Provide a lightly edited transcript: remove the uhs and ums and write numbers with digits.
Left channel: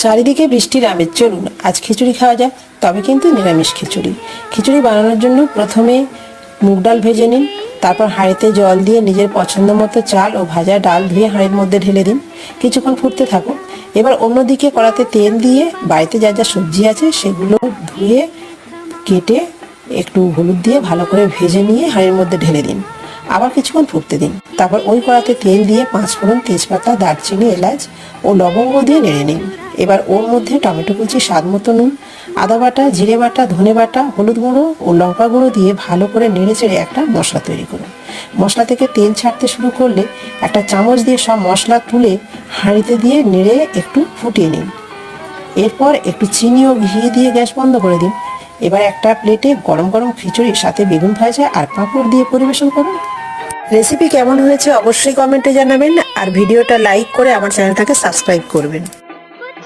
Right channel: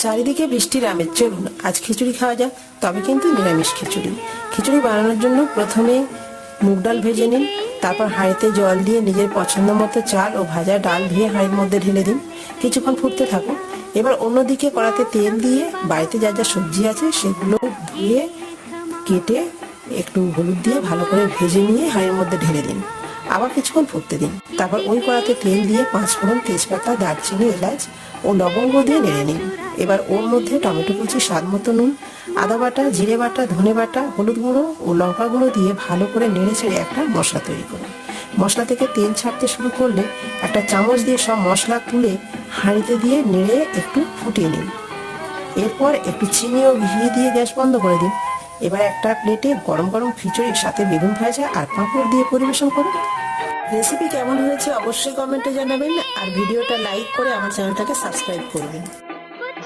চারিদিকে বৃষ্টির আমেজ, চলুন আজ খিচুড়ি খাওয়া যাক, তবে কিন্তু নিরামিষ খিচুড়ি। খিচুড়ি বানানোর জন্য প্রথমে মুগ ডাল ভেজে নিন, তারপর হাঁড়িতে জল দিয়ে নিজের পছন্দ মতো চাল ও ভাজা ডাল ধুয়ে হাঁড়ির মধ্যে ঢেলে দিন। কিছুক্ষণ ফুটতে থাকুন। এবার অন্যদিকে কড়াতে তেল দিয়ে বাড়িতে যা যা সবজি আছে সেগুলো ধুয়ে কেটে একটু হলুদ দিয়ে ভালো করে ভেজে নিয়ে হাঁড়ির মধ্যে ঢেলে দিন। আবার কিছুক্ষণ ফুটতে দিন। তারপর ওই কড়াতে তেল দিয়ে 5 ফোড়ন, তেজপাতা, দারচিনি, এলাচ ও লবঙ্গ দিয়ে নেড়ে নিন। এবার ওর মধ্যে টমেটো কুচি, স্বাদ মতো নুন, আদা বাটা, জিরে বাটা, ধনে বাটা, হলুদ গুঁড়ো ও লঙ্কা গুঁড়ো দিয়ে ভালো করে নেড়ে চেড়ে একটা মশলা তৈরি করুন। মশলা থেকে তেল ছাড়তে শুরু করলে একটা চামচ দিয়ে সব মশলা তুলে হাঁড়িতে দিয়ে নেড়ে একটু ফুটিয়ে নিন। এরপর একটু চিনি ও ঘি দিয়ে গ্যাস বন্ধ করে দিন। এবার একটা প্লেটে গরম গরম খিচুড়ির সাথে বেগুন ভাজা আর পাঁপড় দিয়ে পরিবেশন করুন। রেসিপি কেমন হয়েছে অবশ্যই কমেন্টে জানাবেন, আর ভিডিওটা লাইক করে আমার চ্যানেলটাকে সাবস্ক্রাইব করবেন।